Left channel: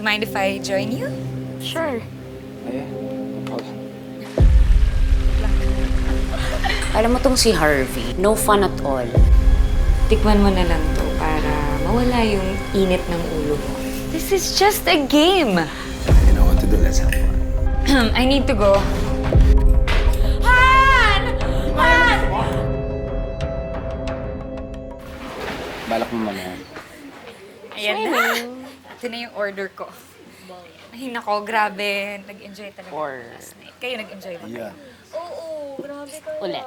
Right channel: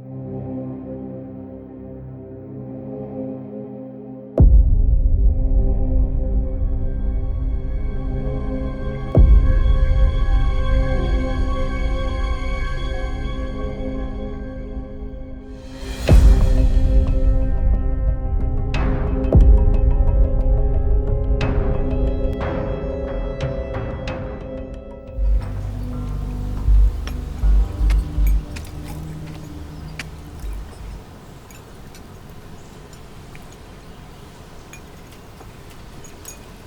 you mind if I join you? Sure. Eh, hold on. Alam mo tong si Harvey, no fun at all. Tikman mo na lang to para mawala yung init ng ulo mo. This is just a game. You know what to do. Let's have fun. I need to go. Han! Han! Balak mo mamaya. Ayan na. Ito na yung order ko. Ay, nako, grabe. Nag-enjoy talaga. Or Kayo nag-enjoy ba? Yeah. Oo, grabe kayo. ulit.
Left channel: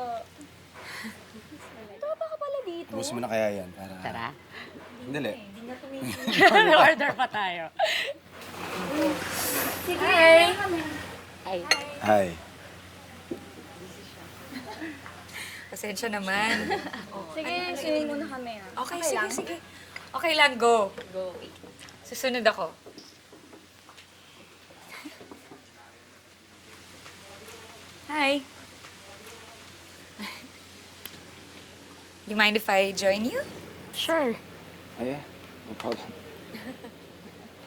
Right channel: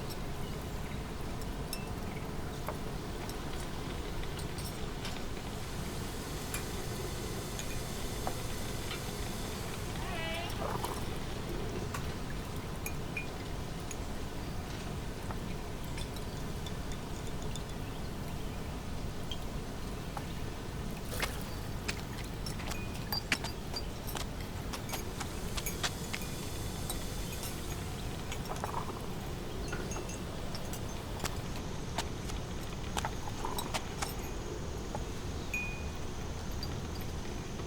Miss mo na kaya yan. Tara. Dali. Order pa tayo. Hi! Ay, Hi. Pasensya naman. Sige, swimming muna kami. Okay, sige, sige. Okay lang, go. Susunod ako. Hi. Do you mind if I join you? sure. Eh, hold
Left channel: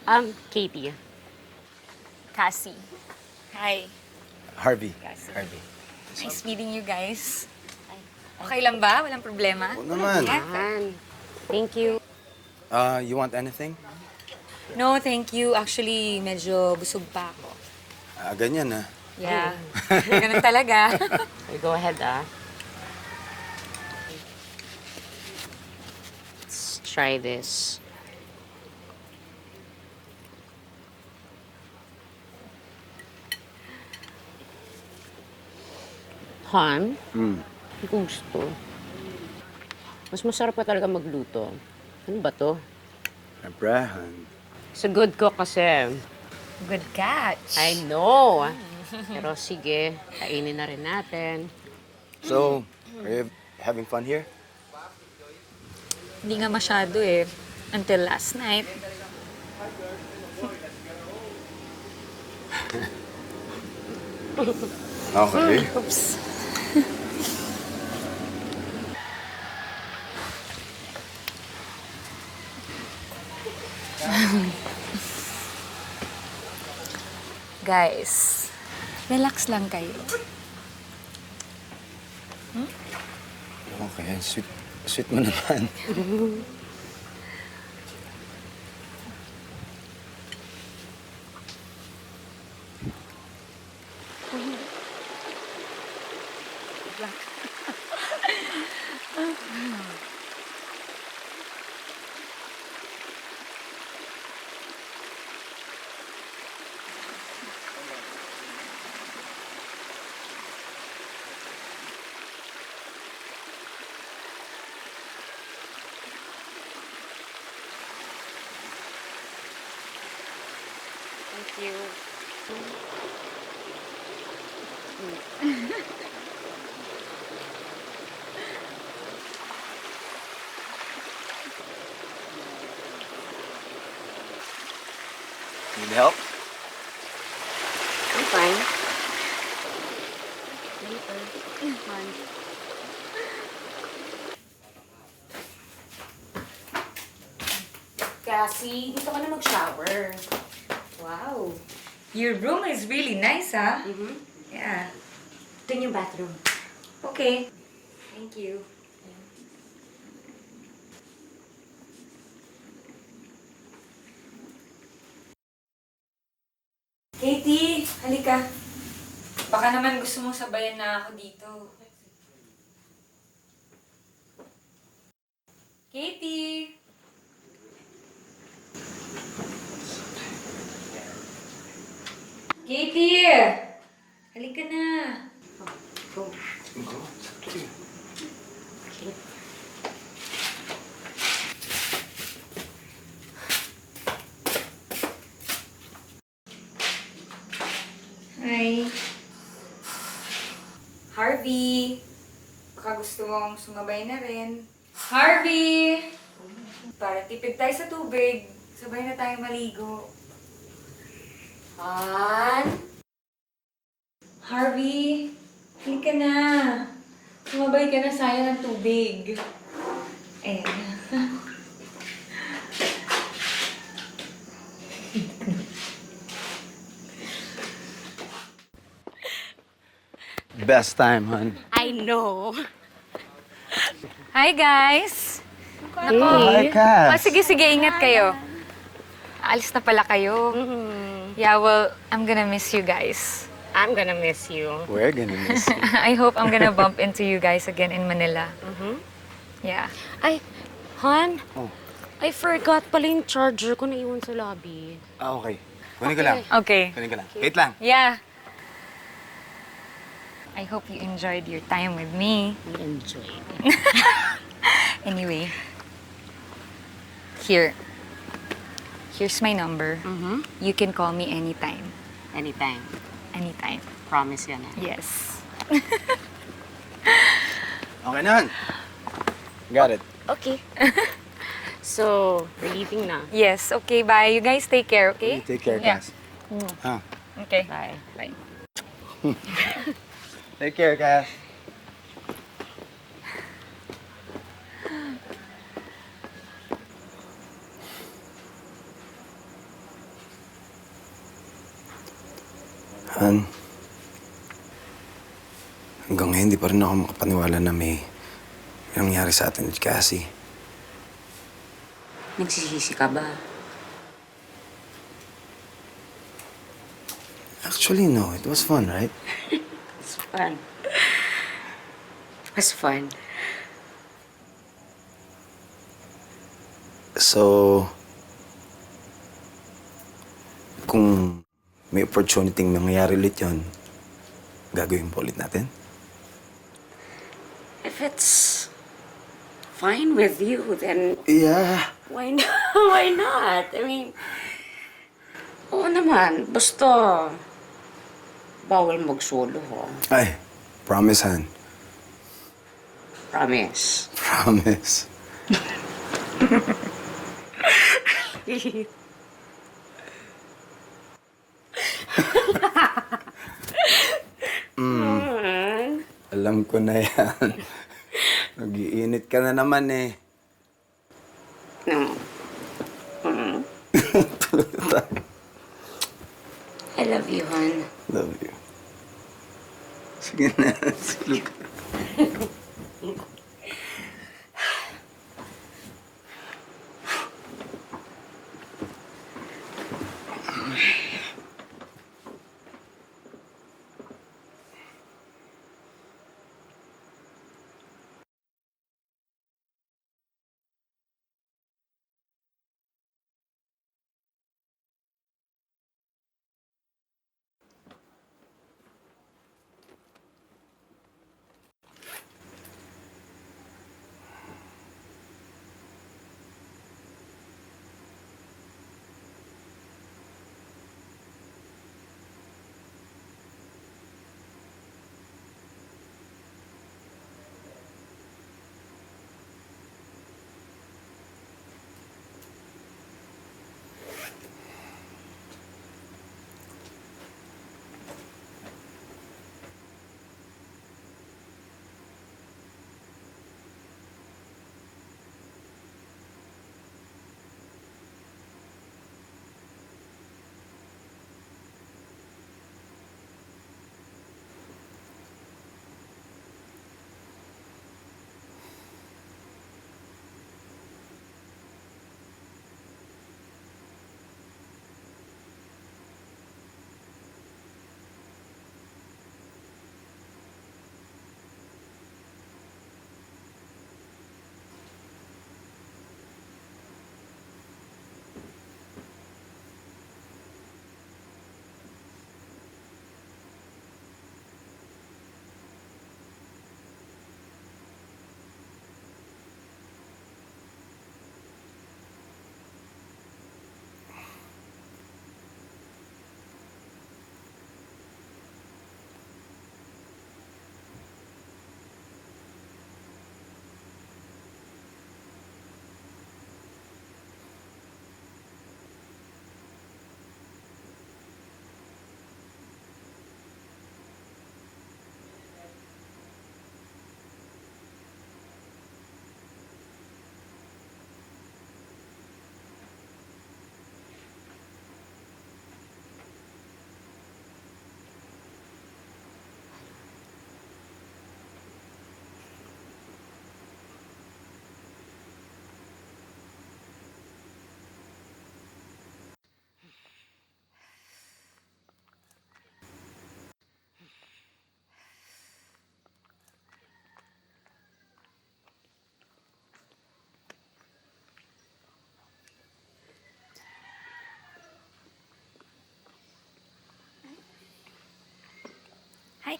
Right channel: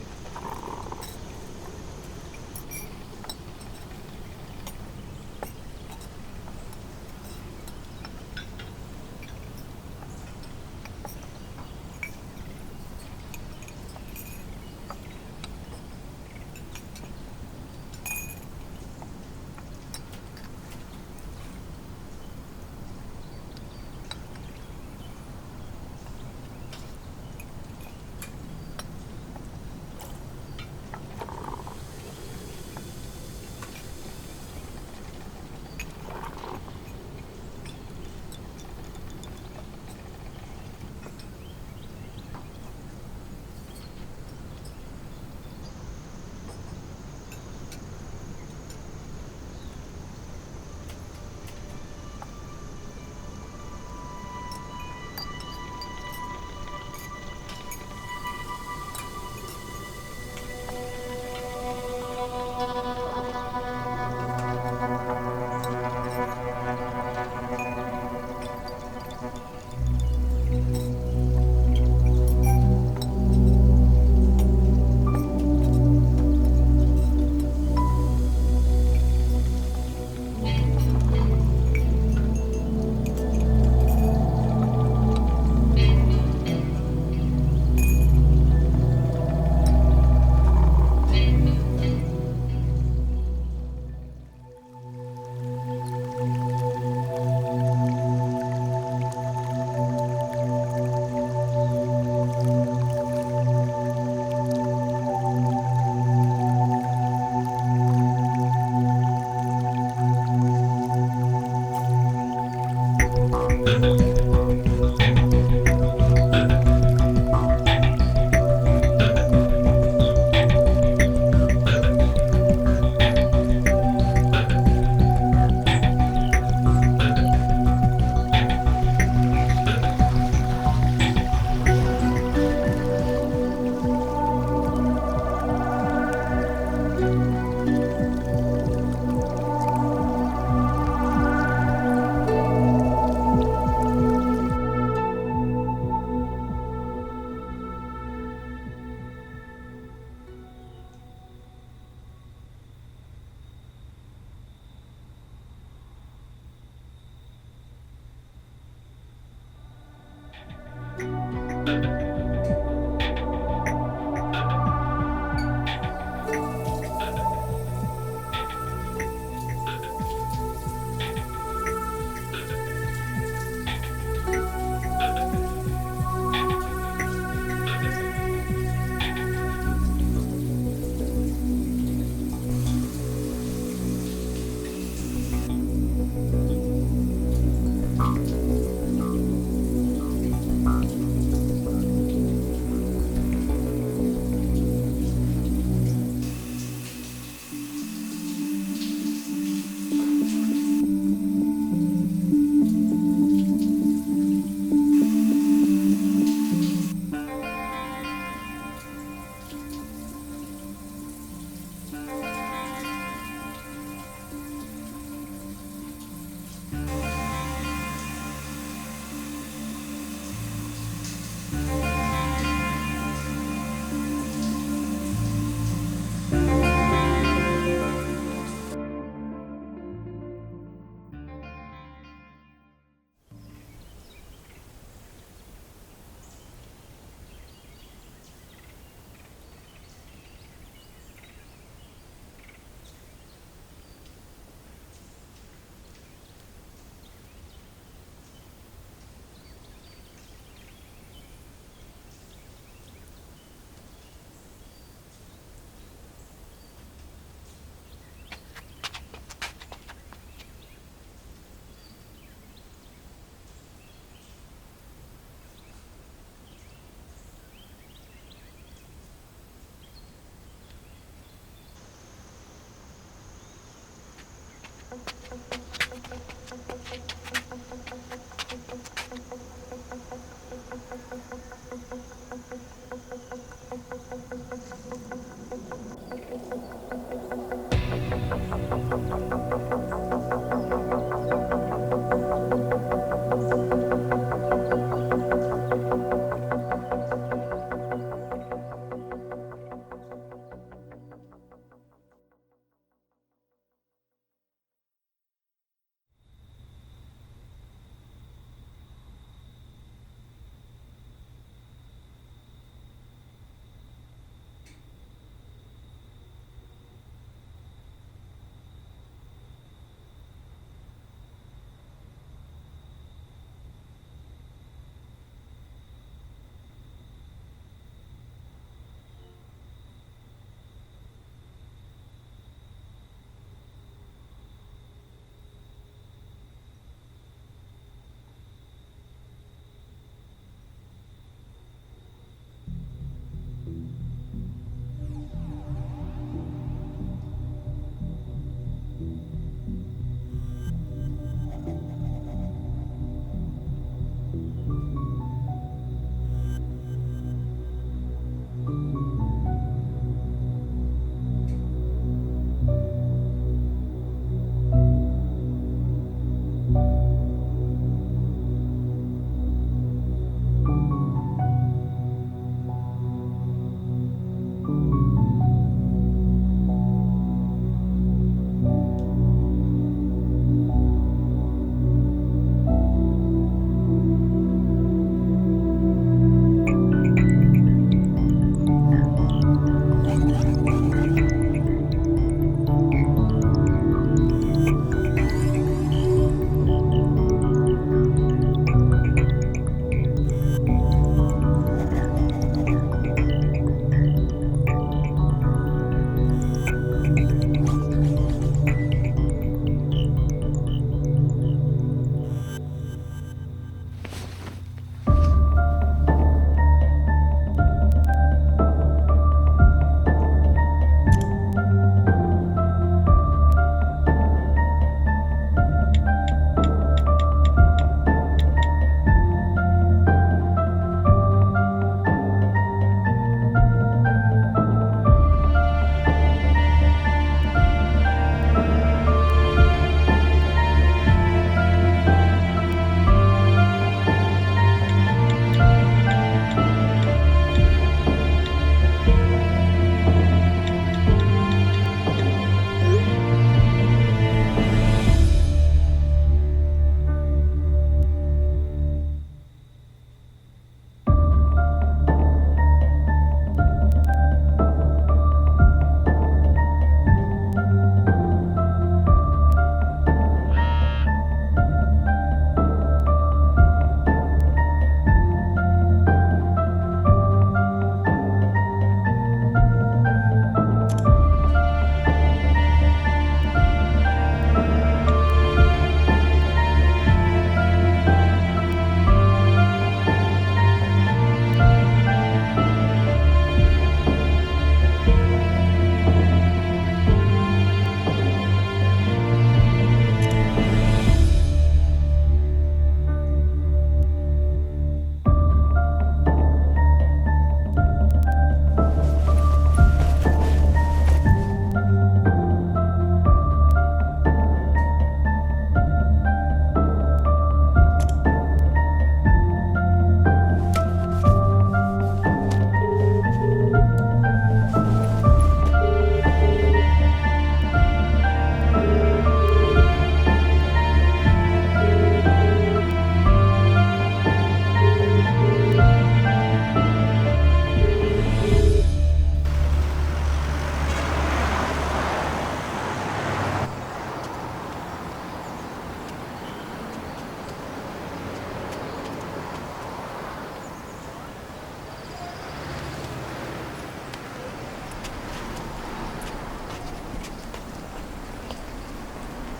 on. Katie. Cassie. Hi. Harvey. Harvey. Nice meeting you guys. Okay lang ba? Walang problema? Oo naman. Yeah? Thank you. You want anything? No, thank you. Actually, medyo busog pa ako. Ganyan ah. Yeah. Ganun talaga. You go ahead, Let's try this. Han, gusto. Mas masarap pa talaga magluto. Ano ba to? Abraham. Sa good cook kasi. Good catch. I know. Pero sige, kainin na rin natin. So, are you having fun here? Hindi nga masyado eh. Until last night. Okay. Oops. Guys, relax lang kayo. Ayan, sweet mo naman. Help? Fine. Cassie, dito ka na mag-shower. Wow. Your room is really nice, ah. Yeah. Ito yung bathroom. Okay. Thank you. Katie, halika. Baka naman gusto mong sabayan na ako dito. Katie! Katie! Halika na. Hi. Harvey. Baka gusto mong sumabay na rin. Harvey! Para tipid tayo sa tubig. Sabay na tayo maligo. Han? Harvey? Hindi ka na. Sumabay ka na, sayang ng tubig. Eh. best time, hon. I know. Hi, guys! Hi, Cass. Sige, ingat kayo. Alis na pala kayo. Yeah, well, I'm gonna miss you guys. I'm gonna miss you. We're gonna miss you. I hope I'm gonna bump into you guys again in Manila. Yeah. Ay, Han, Oh. I forgot pala yung charger ko naiwan sa lobby. Ah, okay. Kunin ko lang. Okay. Kunin ko lang. Wait lang. Yeah. I hope you enjoyed your time with me. We enjoyed. Anyway, here's my number. You can call me anytime. Anytime. Anytime. Promise yan. Yes. Okay na, hon. Got it. Okay. So, we're leaving na. Yes, okay, bye. You guys take care, okay? Take care, Yeah. Cass. Ah. Okay, bye. Bye. Take care, Cass. Han, hanggang ngayon di pa rin ako makapaniwala na may nangyari sa atin ni Cassie. Nagsisisi ka ba? Actually, no. It was fun, right? It's fun. It was fun. So, kung may opportunity mangyayari ulit yun, gagawin po ulit natin? If it's fine with you, then Yeah. why not? Why not? I mean, oo naman. Basta, bawal mag-solo. Ay, promise, Han. Promise. Promise. Alam ko na yan. Nag-iinit ka na naman eh. No. I love you, hon. Love you. Sige na. Sige.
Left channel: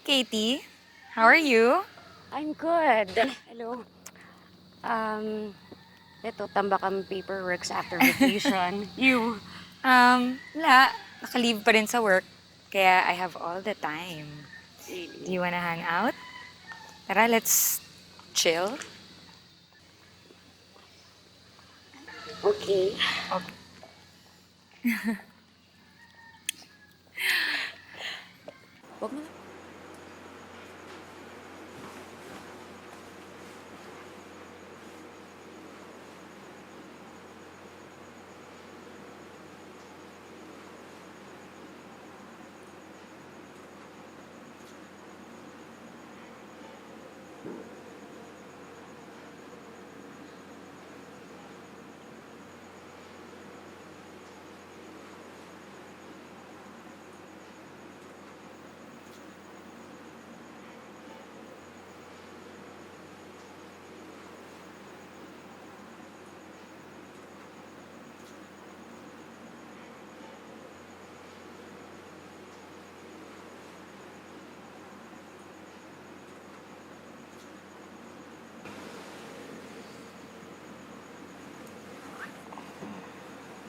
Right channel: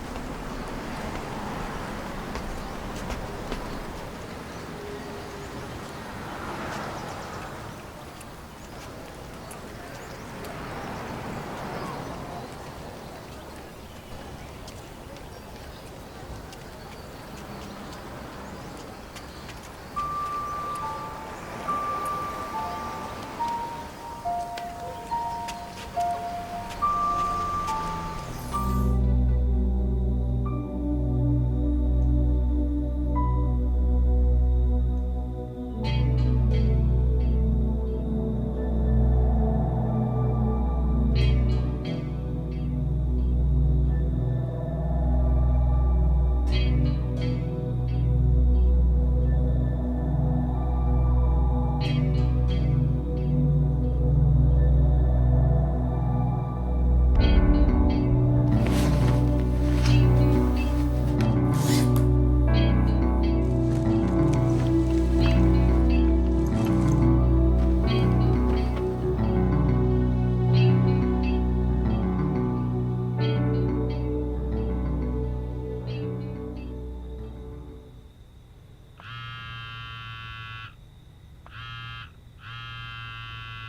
Katie. How are you? I'm good. Ito, tambak kami paperworks after vacation. You? Wala. Naka-leave pa rin sa work. Kaya I have all the time. Do you wanna hang out? Tara, let's chill. Okay.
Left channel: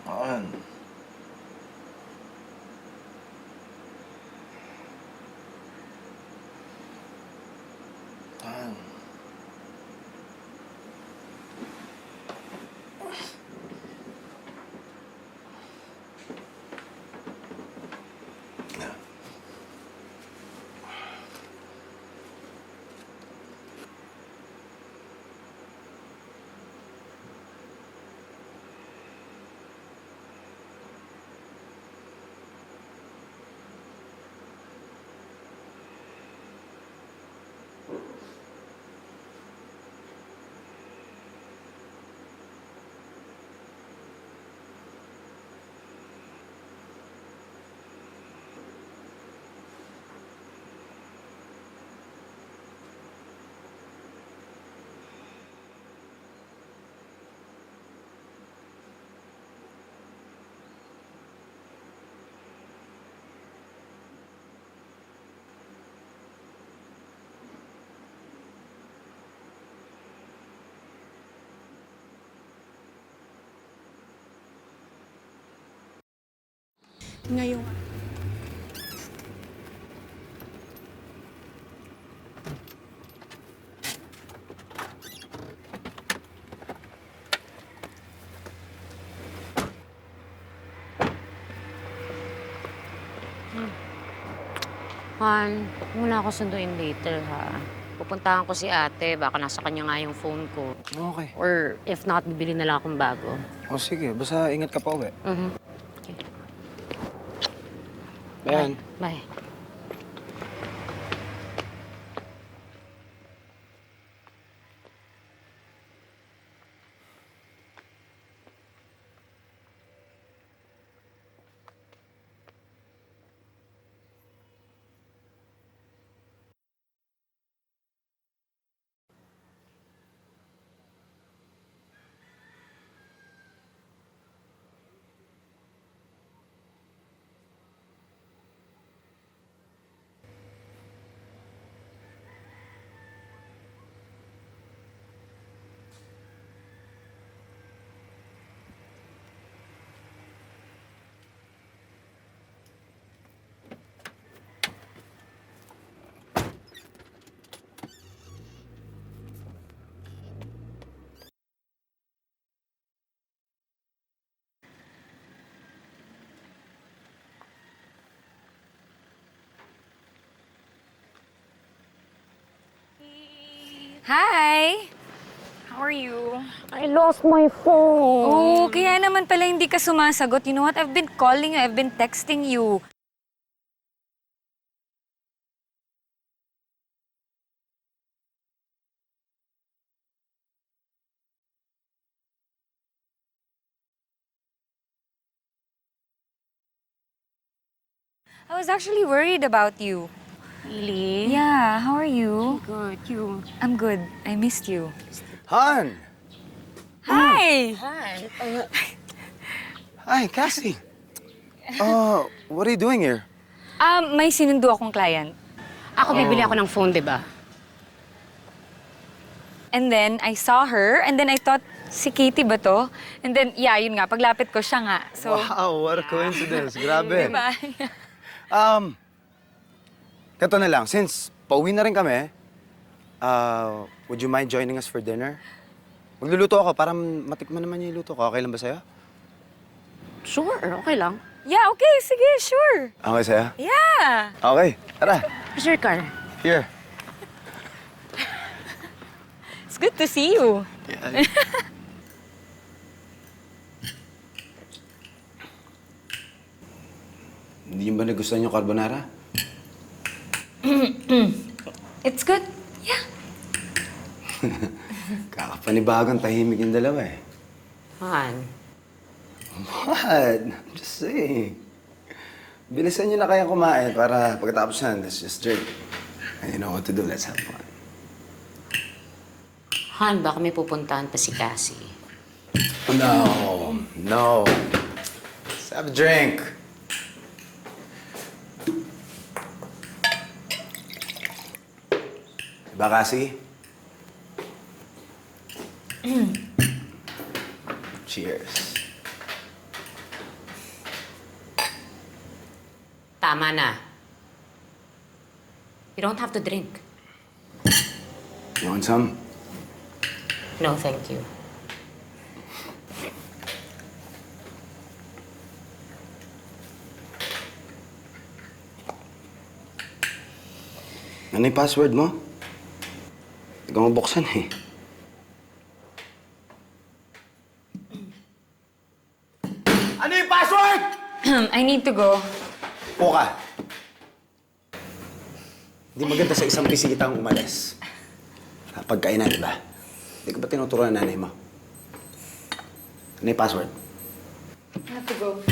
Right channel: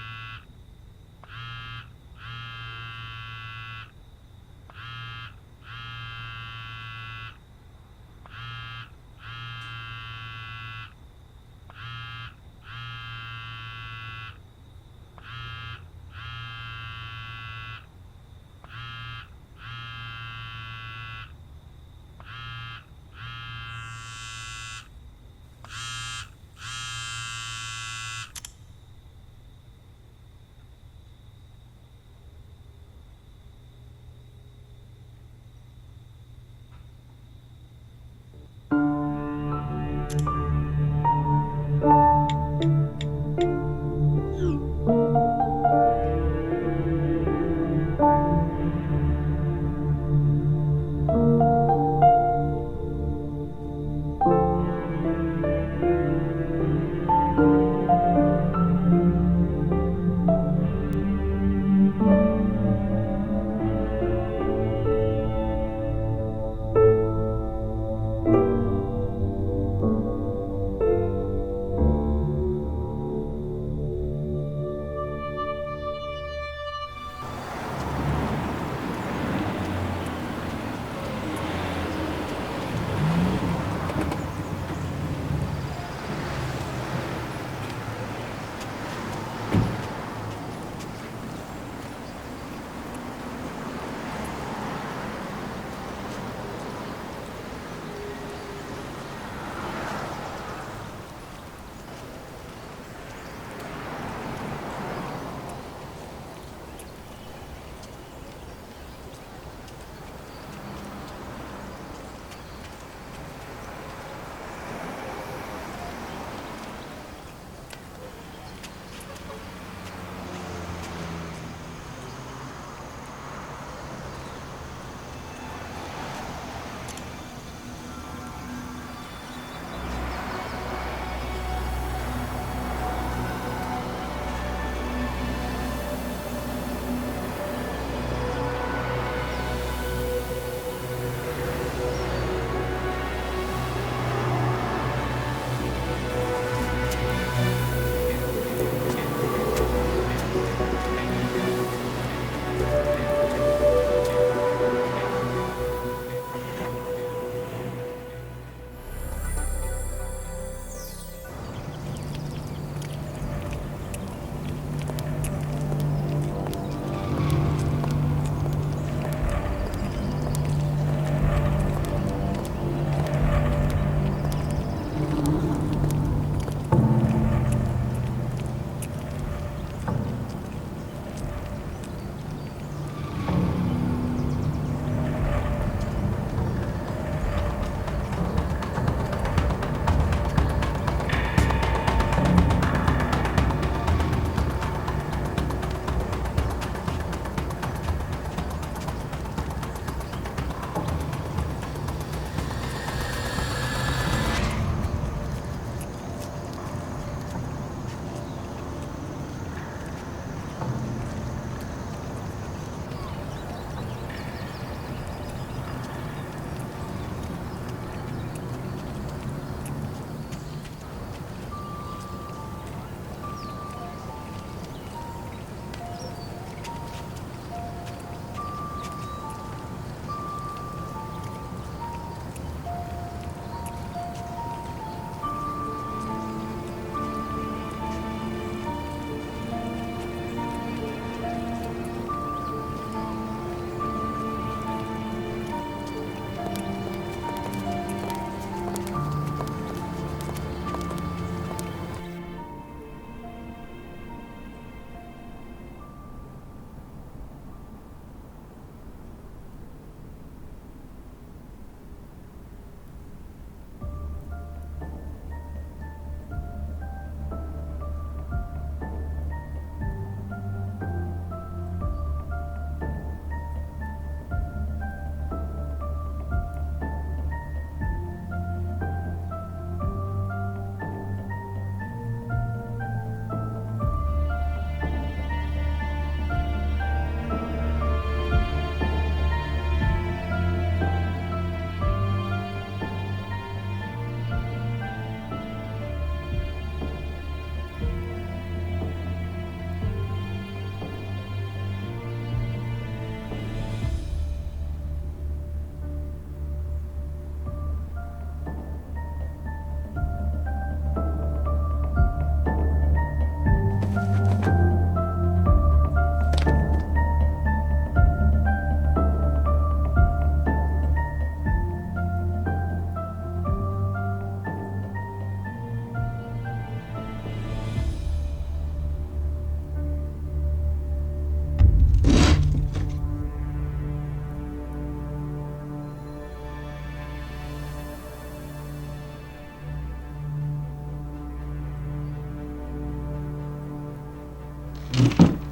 Han. Han. Han, muna ako sunduin later, ha? Pupuntahan ko si ate. Baka nasa kanya nga yung phone ko. Okay. Or if not, bibili na lang akong bago. O sige, basta ingat ka pa ulit. Ayan. Bye. Hi! How are you? I lost my phone. Oh, kaya naman pala hindi ka sumasagot. You know what? I've been calling you. I've been texting you. I was actually worried about you. Really? Yeah, how are you? I'm good. I missed you. Han! Hi! Hi, Cassie. What are you doing here? May sinundo akong client. Ako bibili ako ng phone, di ba? And then, I saw her, and then I thought, si Katie ba to? And then, yeah, yun nga, paglapit ko siya nga. So, Wow, what a coincidence. Grabe. diba? Ito na lang, since pauwi na rin kami, would you mind joining us for dinner? Magluluto ako para matikman naman yung luto ko. Okay lang ba sa'yo? Sure, okay lang. Yeah, okay, sige, sure. Okay sa'yo? Yeah. Okay, tara. Where's your car? Here. It's good to see you. Hindi ba nagustuhan yung carbonara? It's good. Yeah. Kakapanibagang tahimik yung dalawa eh. Han, What? I'm just saying. Bilisan niyo na kaya kumain para pagkatapos yan, let's just drink. And you know what to do, let's have fun. Han, baka may pupuntahan pa si Cassie. No. Let's have a drink. Bakasi? Cheers. Tama na. You don't have to drink. You want some? No, thank you. Ano yung password mo? Hindi ko mabuksan eh. Ano yung password? I need to go. Upo ka. Hindi maganda sa isang bisita ang umalis. Pagkainan, di ba? Hindi ka ba tinuturuan ng nanay mo? Ano yung password? Ito.